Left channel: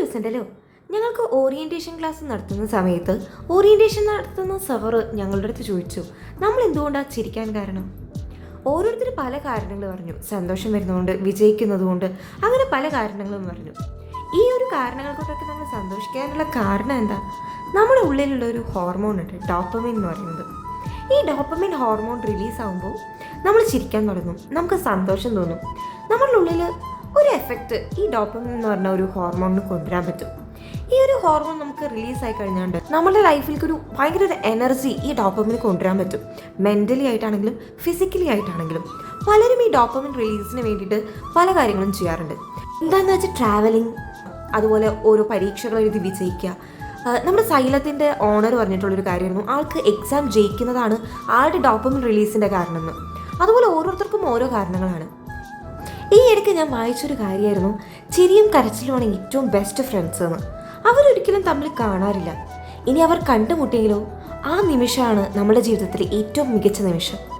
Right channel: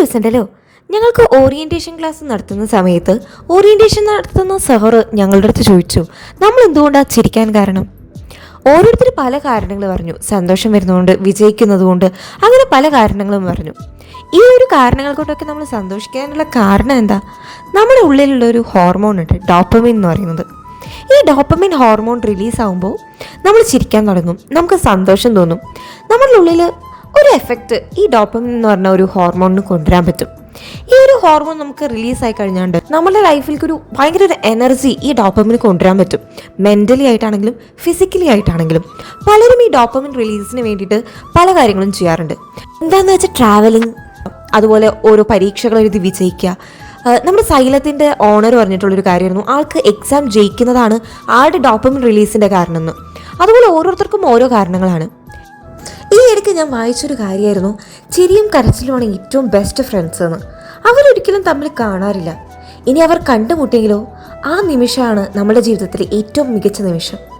ദിവസം ഉണ്ടല്ലോ ഞങ്ങൾക്ക് ഓറിയന്റേഷൻ ക്ലാസ് നടത്തുന്ന സമയത്ത് ഓറിയന്റേഷൻ നടത്തുന്ന സഹറ് ഞങ്ങളുടെ അടുത്ത് ചോദിച്ചു നമ്മൾ എന്തുകൊണ്ടാണ് ചിരിക്കാൻ കാരണം? ഓരോരുത്തർ പല കാരണങ്ങൾ പറഞ്ഞു. സന്തോഷം വരുന്നതുകൊണ്ട് വിജയിക്കുന്നതുകൊണ്ട് അങ്ങനെ പല കാരണങ്ങളും പറഞ്ഞു. ഈ ഒരു കാരണങ്ങൾ കൊണ്ടൊക്കെ നമ്മൾ സന്തോഷിക്കാനുള്ള കാരണം എന്താ? നമ്മുടെ ഉള്ളിലുള്ള ഒരു ഹോർമോൺ ഉണ്ട് ഡോപ്പമിൻ എന്ന് പറയുന്നത്. ഈ ഡോപ്പമിൻ ഹോർമോൺ റിലീസ് ആകുമ്പോൾ നമ്മൾ ചിരിക്കാൻ തുടങ്ങും നമുക്ക് സന്തോഷം തോന്നും. നമ്മുടെ ഉള്ളിൽ ഒരു എഫക്റ്റ് ഈ ഡോപ്പമിൻ എന്ന് പറഞ്ഞ ഒരു ഹോർമോണിന് കൊണ്ടുവരാൻ പറ്റും. ഈ ഒരു ഹോർമോൺ നമുക്ക് റിലീസ് ആയി കഴിഞ്ഞാണ്ട് നമ്മുടെ ലൈഫിലേക്ക് ഒരു ഭയങ്കര ഒരു എനർജി ഈ ഡോപ്പമിന് കൊണ്ടുവരാൻ പറ്റും. മെന്റലി ആയിട്ടാണെങ്കിലും ഫിസിക്കലി ആയിട്ടാണെങ്കിലും പലരും ഈ ഡോപ്പമിൻ റിലീസിന് വേണ്ടിയിട്ട് പല കാര്യങ്ങളും ചെയ്യാറുണ്ട്. എന്താണെന്ന് വെച്ചാൽ ട്രാവലിംഗ് അതുപോലെ ഓരോ പരീക്ഷകൾ എഴുതി വിജയിക്കുക നമ്മുടെ സൈലത്തിന്റെ ഓണർ പറഞ്ഞിട്ടുള്ളൊരു കാര്യമായിരുന്നു. ആൾക്ക് എക്സാം ജയിക്കുന്നതാണ് ആളുടെ ഡോപ്പമിൻ റിലീസിന്റെ കാരണം എന്ന്. അതുപോലെ ഓരോരുത്തർക്കും ഓരോ കാരണങ്ങളാണ്. ഈ ഇടയ്ക്ക് ഞാൻ വായിച്ചൊരു കാര്യമായിരുന്നു ചിരിയും കരച്ചിലുമാണ് ഏറ്റവും ബെസ്റ്റ് ഫ്രണ്ട്സ് എന്ന്. അവരൊരിക്കലും തമ്മിൽ കാണാറില്ല. ഇനി അവർ കണ്ടുമുട്ടിയെങ്കിലോ? ആ നിമിഷമാണ് നമ്മുടെ ജീവിതത്തിലെ ഏറ്റവും മികച്ച നിമിഷം.